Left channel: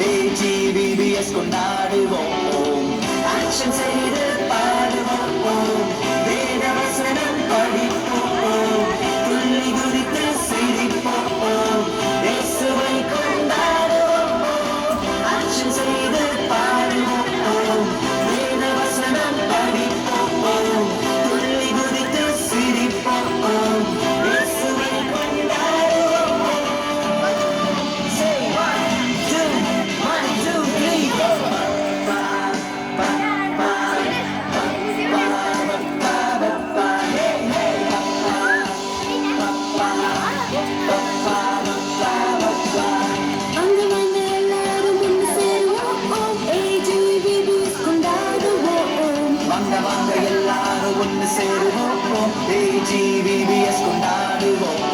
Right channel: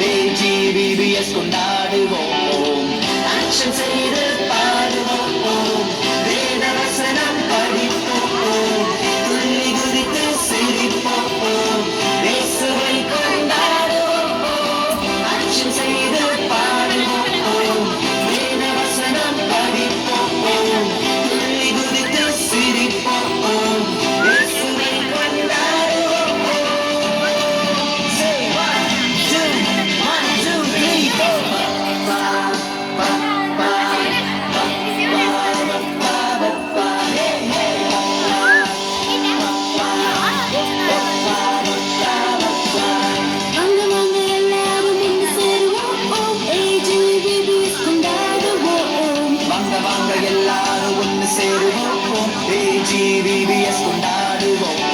AGVBS கொண்டாடுவோம் action செய்து பாடுவோம் வேத வசனம் படிப்போம் துள்ளி குதித்து சிரிப்போம் இயேசுவை கொண்டாடுவோம் ஆக்ஷன் செய்து பாடுவோம் வேத வசனம் படிப்போம் துள்ளி குதித்து சிரிப்போம் இயேசுவை கொண்டாடுவோம். எல்லாரும் ஒன்று சேருவோம் AGVBS கொண்டாடுவோம்.